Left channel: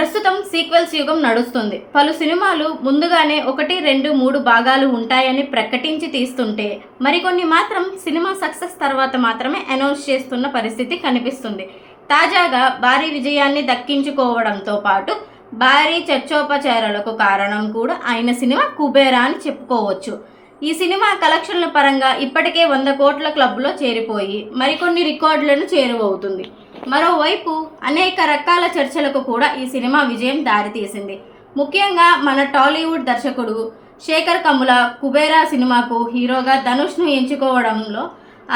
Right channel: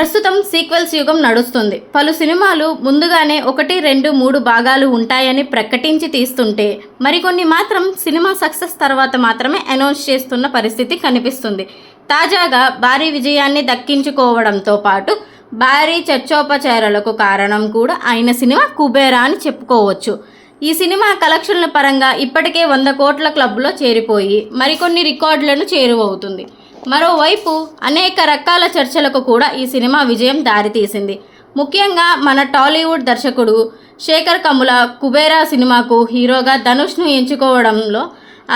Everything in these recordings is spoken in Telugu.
ప్రస్తుతం సీక్వెల్స్ యుగం నడుస్తుంది. పలు సినిమాలు ముందుగానే 1, 2, 3 భాగాలు ఉంటాయని ప్రకటించి తీస్తుంటే మరికొన్ని మాత్రం సినిమా సక్సెస్ తర్వాత మాత్రమే అనౌన్స్ చేస్తున్న పరిస్థితి కనిపిస్తుంది. తాజాగా భారీ విజయాన్ని దక్కించుకోవడంతో పాటు భారీ చర్చోపచారాలకు కారణం కూడా అయిన సినిమా కుబేరా అని చెప్పుకోవచ్చు. ఈ సినిమా కలెక్షన్ల పరంగా ఇప్పటికే 100 కోట్ల క్లబ్లో చేరిపోయి మరికొన్ని రికార్డులను చేరువవుతుంది. మరోవైపు అనేక రకాల చర్చలకు కూడా ఈ సినిమా విజయం దారితీసింది. ముఖ్యంగా మన టాలీవుడ్ దర్శకుడు శేఖర్ కమ్ముల కుబేరా సినిమాకు హీరోగా ధనుష్ను ఎంచుకోవడంలో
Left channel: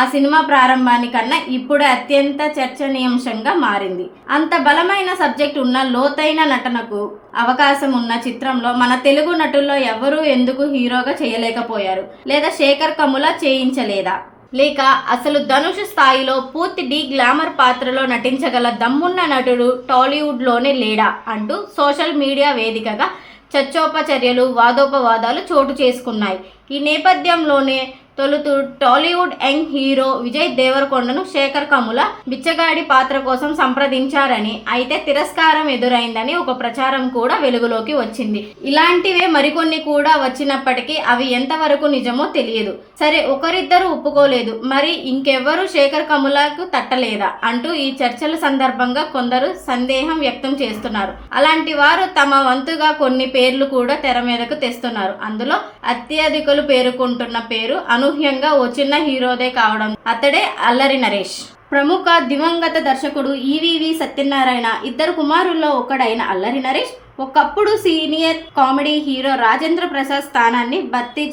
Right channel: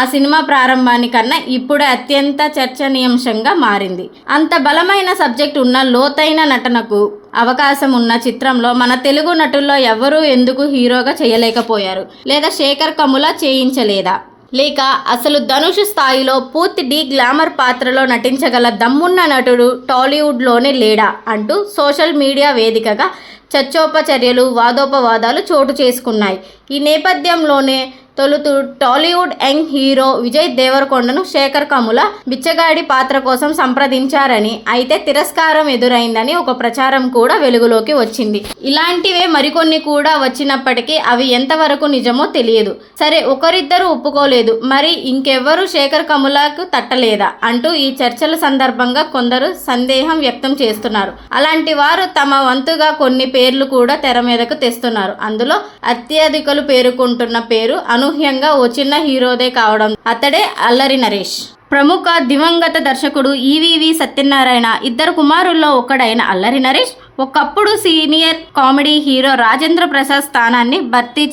ఆ సినిమా ప్రారంభానికన్నా ఇప్పుడు అత్యంత చర్చనీయాంశంగా మారింది. అంత బలమైన సబ్జెక్ట్ ఉన్న లోతైన నటనకు అవకాశం ఉన్న చిత్రంలో మన తెలుగు నటుల్లో ఎవరూ ఎందుకు హీరోగా చేయలేకపోయారు? లేదా శేఖర్ కమ్ముల చేయించలేదా? లేక అసలు ధనుష్ స్థాయిలో పూర్తి గ్లామర్ పాత్రలో నటించగల దమ్మున్న నటుడు టాలీవుడ్లోనే లేడా అంటూ సోషల్ మీడియా వేదికగా చర్చోపచర్యలు, వాదోపవాదాలు చోటు చేసుకున్నాయి. ఈ నేపథ్యంలోనే తొలుత టాలీవుడ్ యంగ్ హీరో విజయ్ దేవరకొండను శేఖర్ కమ్ముల బిచ్చగాడి పాత్ర కోసం సంప్రదించారని, అయితే తిరస్కారం ఎదురైందని ఒక ప్రచారం కూడా వెలుగులోకి వచ్చింది. ఇలాంటివే మరికొన్ని కూడా వచ్చినప్పటికీ అవి ఎంతవరకు నిజమో తెలియదు. సరే, ఒకరిద్దరు ఒప్పుకోలేదు, మరి ఇంకెవ్వరూ శేఖర్ కమ్ములకు తట్టలేదా అంటూ ఈ చర్చల సందర్భంగా కొందరు సందేహం వ్యక్తం చేస్తున్నారు. అలాంటి వారు తమ వంతుగా కొన్ని పేర్లు కూడా తెర మీదకు తెస్తున్నారు. అందులో అత్యధికులు పేర్కొంటున్న పేరు అనూహ్యంగా ఓ చిన్న హీరోదే కావడం, అతడే అల్లరి నరేష్. ప్రముఖ దివంగత దర్శకుడు ఈవీవి సత్యనారాయణ ఇద్దరు కుమారుల్లో ఒకడైన అల్లరి నరేష్ ఒకప్పుడు senior comedy hero Rajendra Prasad స్థానాన్ని భర్తీ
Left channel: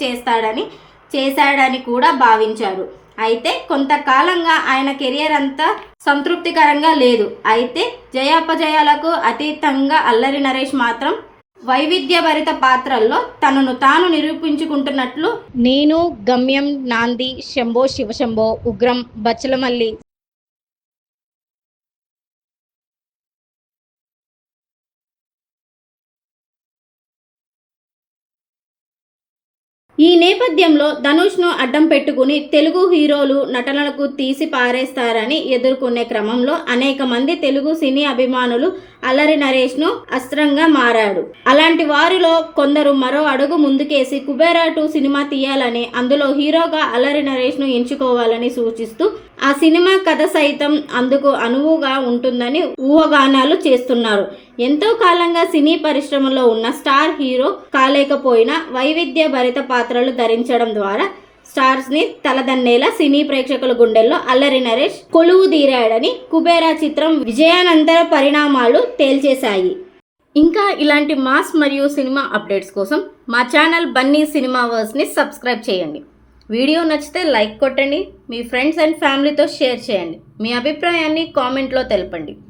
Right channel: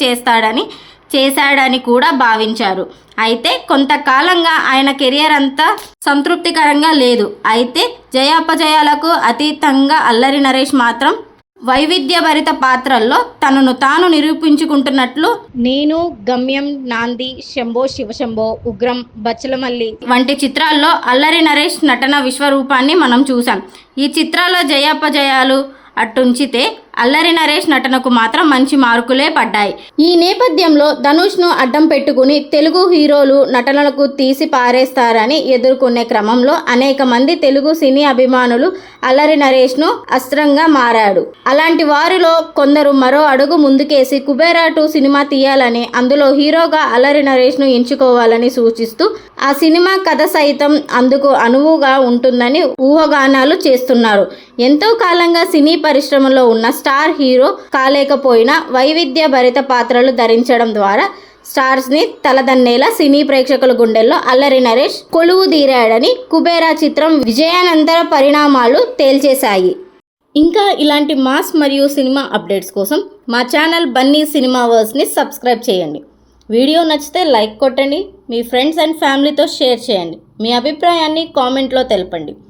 చేశాడని కూడా భావించారు. అయితే కొంతకాలంగా ఆయన కెరియర్ అంతా సంతృప్తికరంగా లేదు. అయితే జయాపజయాలకు అతీతంగా అల్లరి నరేష్ మాత్రం వైవిధ్యభరిత పాత్రల్లో తనను తాను నిరూపించుకుంటున్నట్లు నేను, గమ్యం, నాంది, శంభో శివశంభో, ఉగ్రం, బచ్చలమల్లి వంటి చిత్రాల్లో అల్లరి నరేష్ నటన విశ్వరూపాన్ని మనం చూసాం. ఈ చిత్రాల్లో జయాపజయాలు అట్టుంచితే అల్లరి నరేష్ నటనకు మాత్రం మంచి మార్కులే పడ్డాయి. ఈ నేపథ్యంలో ధనుష్ను అడ్డం పెట్టుకుని తెలుగు హీరోలు నటనలకు తీసి పారేస్తారని ఎదుర్కొనే క్రమంలో అనేక మంది తెలుగు సినీ అభిమానులు అల్లరి నరేష్ను అస్త్రంగా మారాడు. అలాంటి వారిలో కొందరు మరో అడుగు ముందుకేసి కుబేరా 2 సినిమా తీయాలని, అందులో హీరోగా అల్లరి నరేష్ను ఎంచుకోవాలని సూచిస్తూ ఆ సినిమా కథ సైతం అందుకు అనువుగా ఉంటుందని ఊహాగానాలు చేస్తున్నారు. ఎంతో కాలంగా సినీ పరిశ్రమలో ఉన్న స్టార్ హీరో కాలేకపోయినా వైవిధ్య భరిత పాత్రలు ధరించడం ద్వారా స్టార్స్ని తలదన్నేలా సినీ ప్రేక్షకుల గుండెల్లో అల్లరి నరేష్ కొలువు తీరాడని కుబేరా చిత్రం విజయానంతర పరిణామాలు తేల్చేశాయి. ఇంకా ఇలాంటి మాస్ మరియు సినిమా అప్డేట్స్ కోసం మా ఛానల్ బన్నీ సినిమావర్స్ని సబ్స్క్రైబ్ చేయండి. వీడియో నచ్చితే లైక్ కొట్టండి, మీ ఫ్రెండ్స్ అండ్ ఫ్యామిలీతో షేర్ చేయండి, మీ అభిప్రాయాన్ని కామెంట్లో తెలపండి.